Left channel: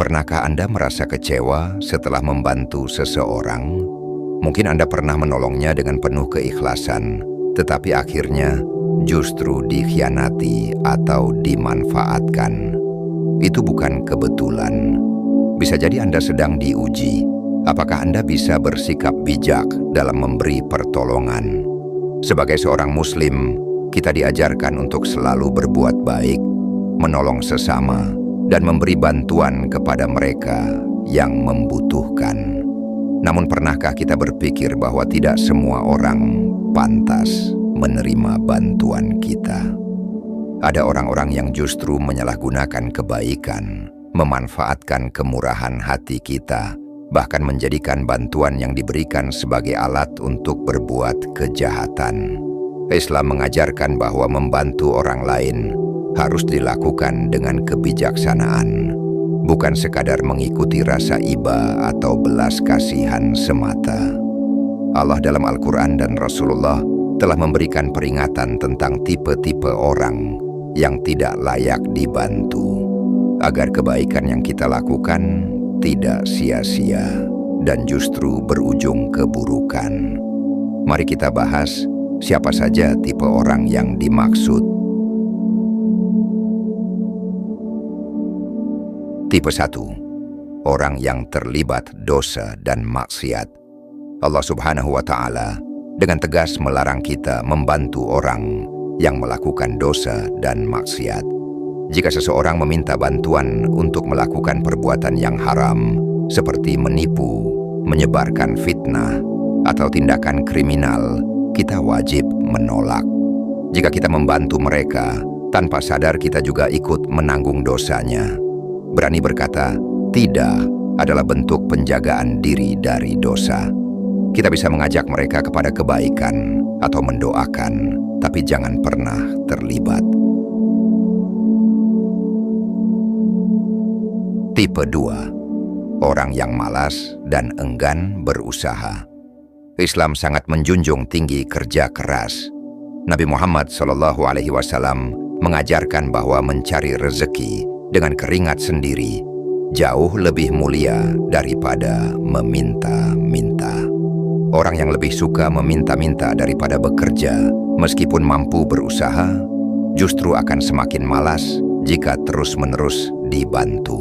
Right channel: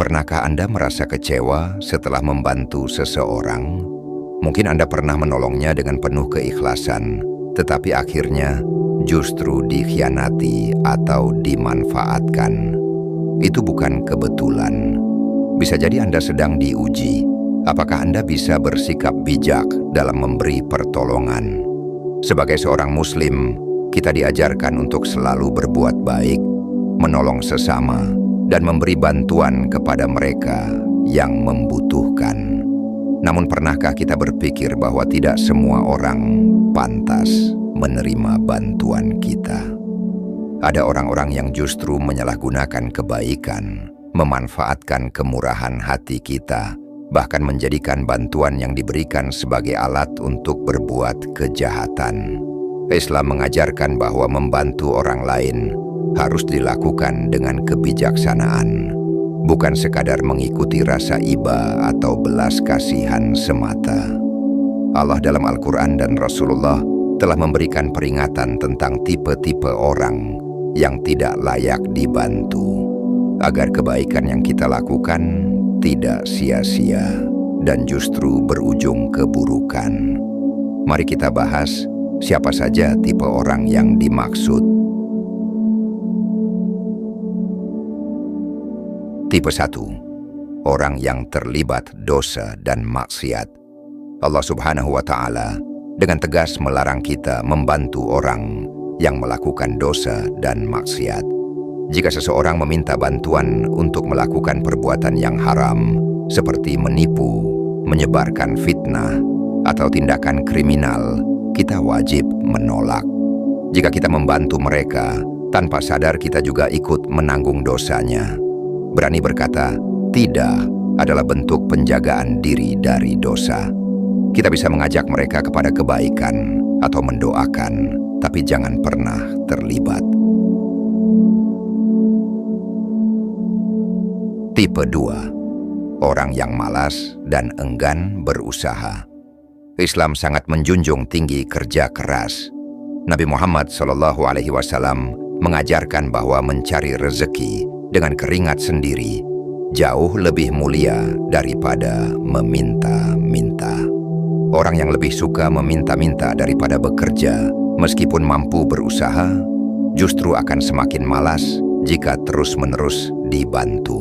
Pernahkah Anda merasa kecewa setelah membantu seseorang? Mungkin Anda pernah menolongnya dengan penuh keikhlasan, tetapi akhirnya justru dikhianati atau dimanfaatkan. Itu bukan kebetulan. Bisa jadi Anda sedang diuji. Apakah Anda bisa bersikap bijak dalam memberi pertolongan? Sebagai seorang Muslim, kita diajarkan untuk selalu berbuat baik, menolong sesama, dan memberi bantuan kepada mereka yang membutuhkan. Namun pernahkah kita berpikir bahwa tidak semua orang pantas menerima bantuan kita? Ada orang-orang yang justru menyalahgunakan kebaikan, memanfaatkan kemurahan hati kita, bahkan menjadikan bantuan yang diberikan sebagai alat untuk berbuat kejahatan. Islam mengajarkan bahwa membantu orang lain harus dilakukan dengan kebijaksanaan, bukan sekadar mengikuti rasa iba atau belas kasihan semata. Allah dalam Al-Quran dan Rasulullah telah memberikan peringatan tentang tipe-tipe orang yang tidak layak dibantu, agar kebaikan yang kita lakukan tidak sia-sia dan justru berujung keburukan. Mari kita bahas siapa saja tipe orang yang dimaksud. Tipe 1. Orang yang terlibat dosa dan maksiat. Allah Subhanahu wa Ta'ala dengan tegas melarang kita membantu orang yang melakukan dosa dan maksiat. Jika seseorang meminta bantuan untuk melakukan perbuatan yang haram, seperti menipu, menyebarkan fitnah, atau tindakan kriminal, kita wajib menolak. Jika kita membantu mereka, tanpa sadar kita juga ikut menanggung dosanya. Berani berkata tidak adalah bentuk penjagaan diri dari dosa. Kita bisa mengajak mereka kepada kebaikan atau mendoakan, tapi jangan pernah terlibat. Tipe 2. Orang yang malas dan enggan berusaha. Islam sangat menjunjung tinggi kerja keras. Nabi Muhammad SAW mengajarkan bahwa mencari rezeki dengan keringat sendiri jauh lebih mulia daripada meminta-minta. Orang yang lebih suka meminta-minta daripada bekerja, meskipun mampu berusaha, justru akan semakin malas jika terus-menerus dibantu.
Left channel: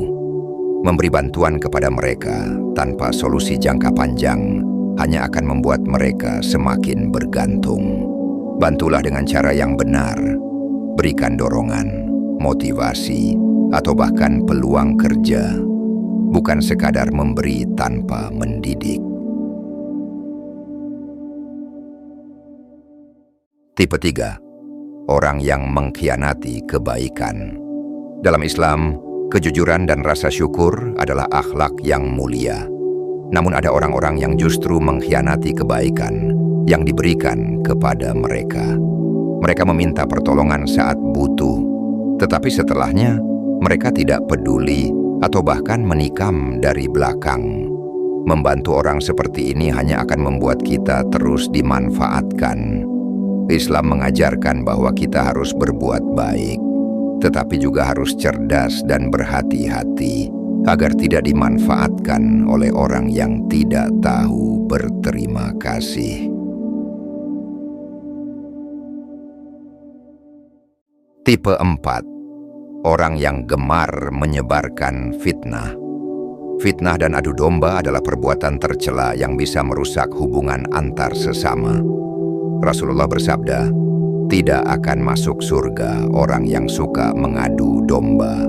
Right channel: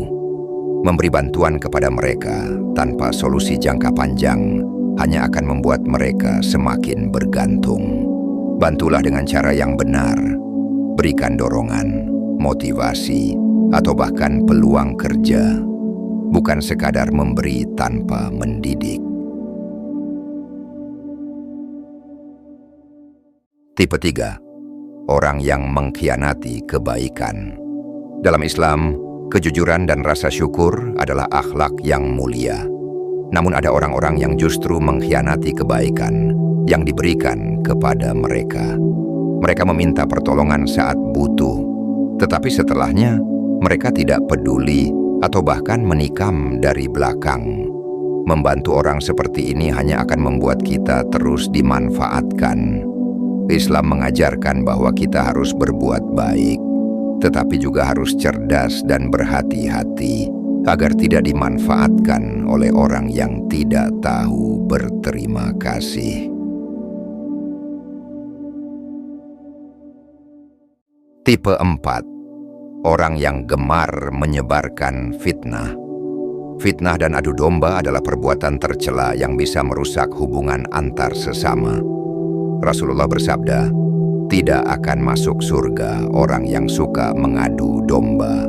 Memberi bantuan kepada mereka tanpa solusi jangka panjang hanya akan membuat mereka semakin bergantung. Bantulah dengan cara yang benar. Berikan dorongan, motivasi, atau bahkan peluang kerja, bukan sekadar memberi tanpa mendidik. Tipe 3. Orang yang mengkhianati kebaikan. Dalam Islam, kejujuran dan rasa syukur adalah akhlak yang mulia. Namun ada orang-orang yang justru mengkhianati kebaikan yang diberikan kepada mereka. Mereka meminta pertolongan saat butuh, tetapi setelahnya mereka tidak peduli atau bahkan menikam dari belakang. Membantu orang seperti ini hanya akan membuat kita terus dimanfaatkan. Islam mengajarkan bahwa kita harus berbuat baik, tetapi juga harus cerdas dan berhati-hati agar tidak dimanfaatkan oleh orang yang tidak tahu berterima kasih. Tipe 4. Orang yang gemar menyebarkan fitnah. Fitnah dan adu domba adalah perbuatan tercela yang bisa merusak hubungan antar sesama. Rasulullah bersabda, tidak akan masuk surga orang yang suka mengadu domba.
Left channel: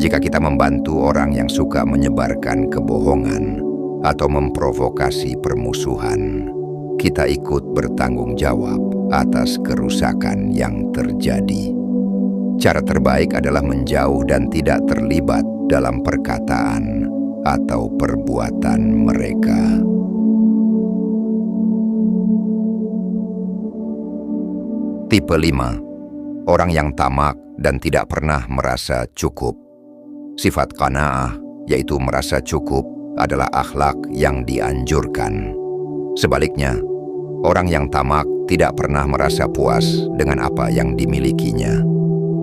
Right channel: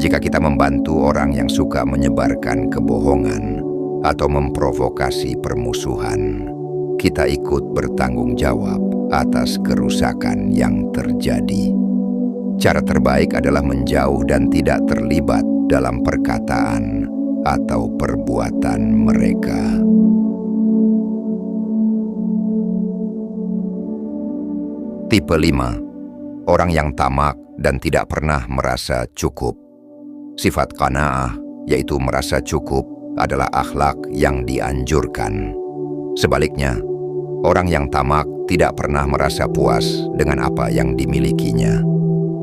Jika kita membantu orang yang suka menyebarkan kebohongan atau memprovokasi permusuhan, kita ikut bertanggung jawab atas kerusakan yang terjadi. Cara terbaik adalah menjauh dan tidak terlibat dalam perkataan atau perbuatan mereka. Tipe 5. Orang yang tamak dan tidak pernah merasa cukup. Sifat qanaah, yaitu merasa cukup, adalah akhlak yang dianjurkan. Sebaliknya, orang yang tamak tidak pernah merasa puas dengan apa yang dimilikinya.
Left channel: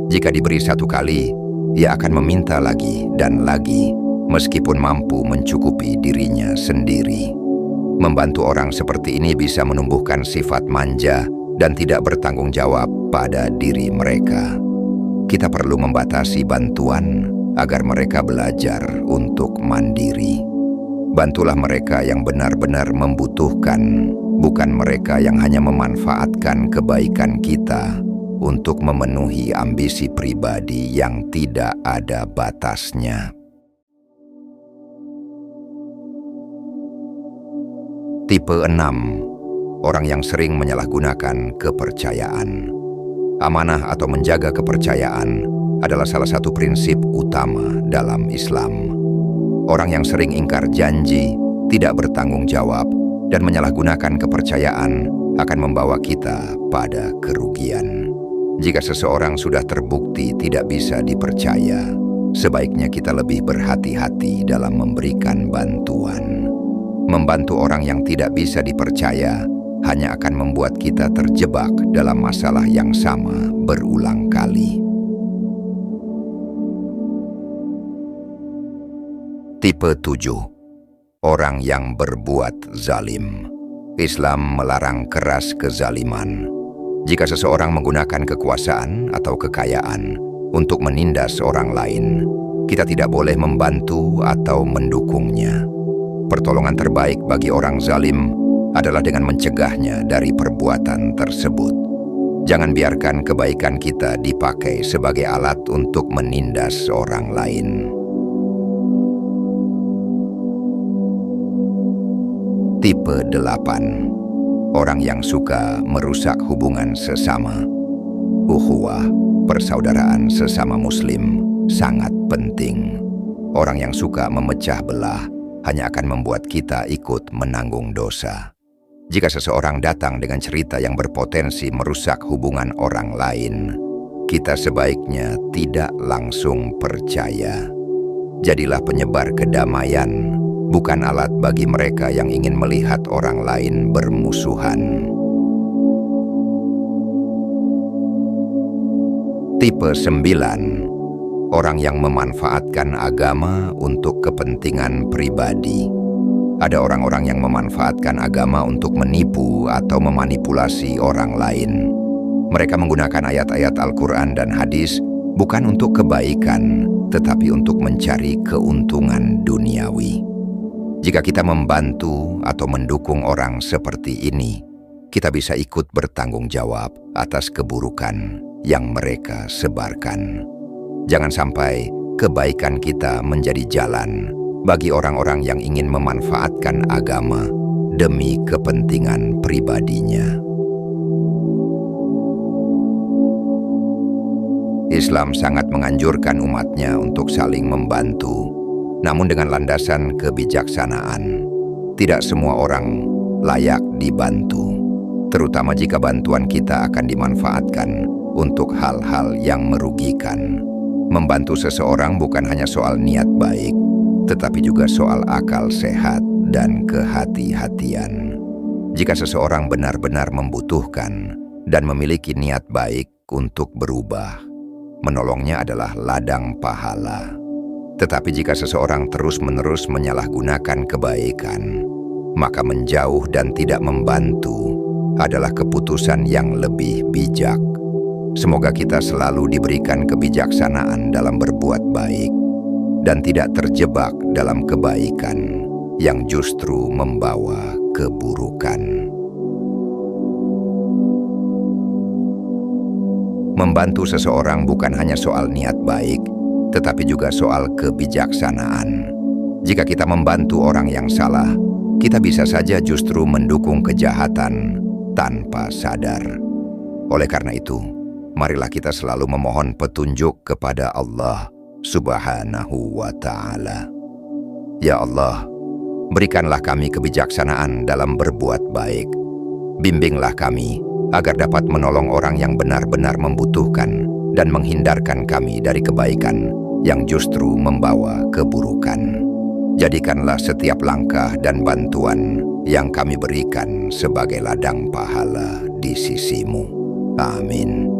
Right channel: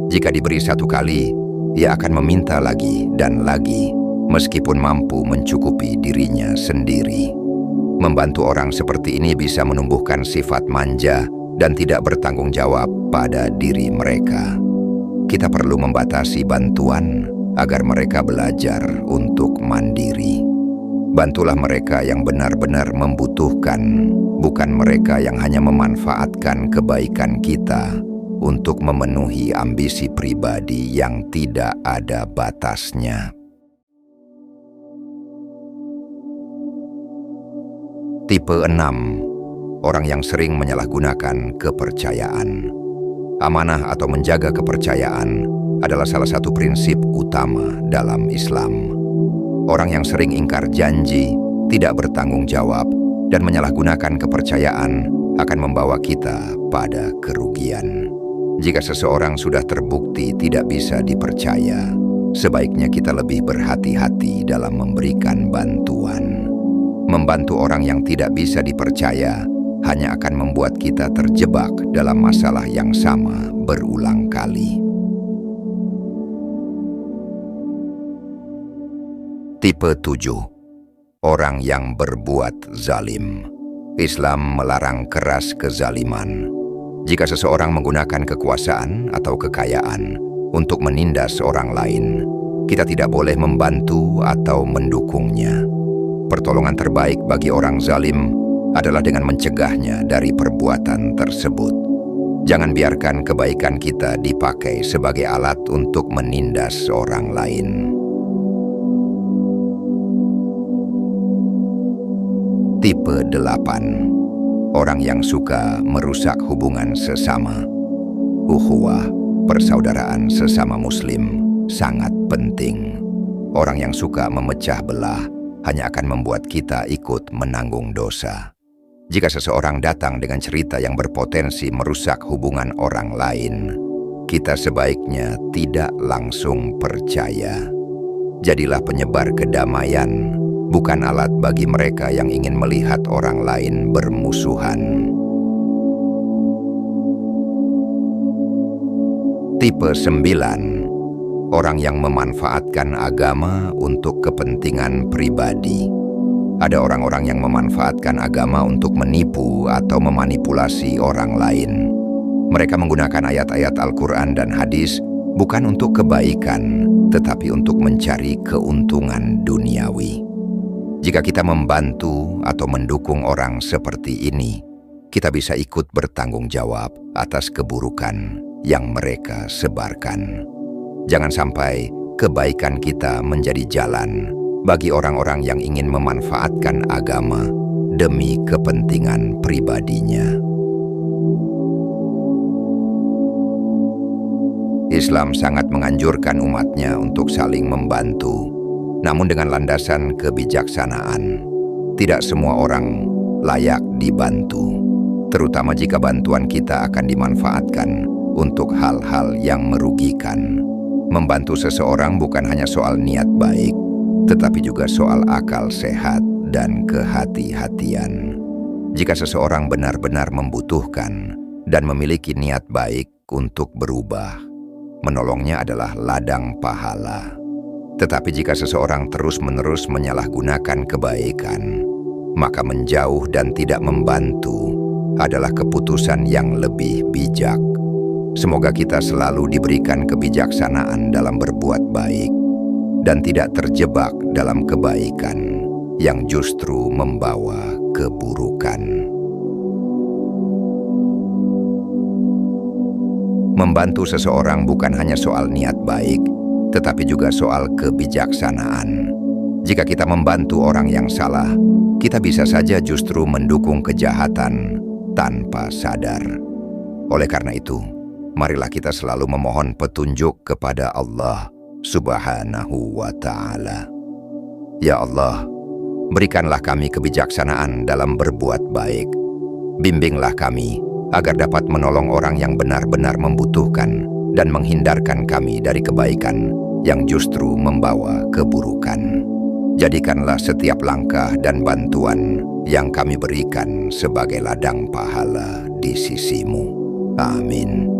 Jika diberi satu kali, ia akan meminta lagi dan lagi, meskipun mampu mencukupi dirinya sendiri. Membantu orang seperti ini bisa menumbuhkan sifat manja dan tidak bertanggung jawab pada diri mereka. Kita perlu membatasi bantuan agar mereka belajar untuk mandiri. Bantulah mereka yang benar-benar membutuhkan, bukan mereka yang hanya memanfaatkan kebaikan kita untuk memenuhi ambisi pribadi yang tidak ada batasnya. Tipe 6. Orang yang sering menyalahgunakan kepercayaan. Amanah atau menjaga kepercayaan adalah salah satu prinsip utama dalam Islam. Orang yang sering ingkar janji, tidak bertanggung jawab, dan menyalahgunakan kepercayaan akan membawa kita pada kerugian. Jika seseorang sudah terbukti tidak bisa dipercaya, sebaiknya kita lebih berhati-hati dalam memberikan bantuan. Membantu orang yang tidak bisa dipercaya hanya akan membuat kita terjebak dalam masalah yang sama berulang kali. Tipe 7. Orang yang berbuat zalim. Islam melarang keras kezaliman. Jika seseorang menggunakan kekuasaan atau kekayaan untuk menindas orang lain, kita tidak boleh membantu atau mendukungnya. Pertolongan terbaik bagi orang zalim adalah dengan mencegahnya dari perbuatan tersebut. Jangan biarkan kebaikan kita dipakai sebagai alat untuk menindas orang lain. Tipe 8. Orang yang suka merusak hubungan sesama. Ukhuwah, persaudaraan sesama muslim, sangat penting. Orang yang suka memecah belah hanya akan membuat kita ikut menanggung dosa. Jika seseorang datang dengan cerita yang berpotensi merusak hubungan orang lain, kita sebaiknya tidak langsung percaya. Jadilah penyebar kedamaian, bukan alat bagi mereka yang ingin melihat orang lain bermusuhan. Tipe 9. Orang yang memanfaatkan agama untuk kepentingan pribadi. Ada orang-orang yang memanfaatkan agama untuk menipu atau memanipulasi orang lain. Mereka menggunakan ayat-ayat Al-Quran dan hadis bukan untuk kebaikan, tetapi untuk mencari keuntungan duniawi. Jika kita membantu atau mendukung orang seperti ini, kita bisa ikut bertanggung jawab atas keburukan yang mereka sebarkan. Jangan sampai kebaikan kita menjadi jalan bagi orang-orang yang ingin memanfaatkan agama demi kepentingan pribadinya. Islam sangat menganjurkan umatnya untuk saling membantu, namun dengan landasan kebijaksanaan. Tidak semua orang layak dibantu, terutama jika bantuan kita akan dimanfaatkan untuk hal-hal yang merugikan. Membantu seseorang bukan hanya soal niat baik, tetapi juga soal akal sehat dan kehati-hatian. Jika seseorang benar-benar membutuhkan dan memiliki niat baik untuk berubah, menolongnya adalah ladang pahala. Tetapi jika seseorang terus-menerus menyalahgunakan kebaikan, maka menjauh dan tidak membantu adalah keputusan yang lebih bijak. Semoga kita selalu diberikan kebijaksanaan dalam berbuat baik dan tidak terjebak dalam kebaikan yang justru membawa keburukan. Membantu seseorang bukan hanya soal niat baik, tetapi juga soal kebijaksanaan. Jika kita membantu orang yang salah, kita bisa saja justru mendukung kejahatan tanpa sadar. Oleh karena itu, marilah kita selalu memohon petunjuk kepada Allah Subhanahu wa Ta'ala. Ya Allah, berikanlah kami kebijaksanaan dalam berbuat baik. Bimbinglah kami agar dapat menolong orang yang benar-benar membutuhkan dan menghindarkan kami dari kebaikan yang justru membawa keburukan. Jadikanlah setiap langkah dan bantuan yang kami berikan sebagai ladang pahala di sisi-Mu. Amin.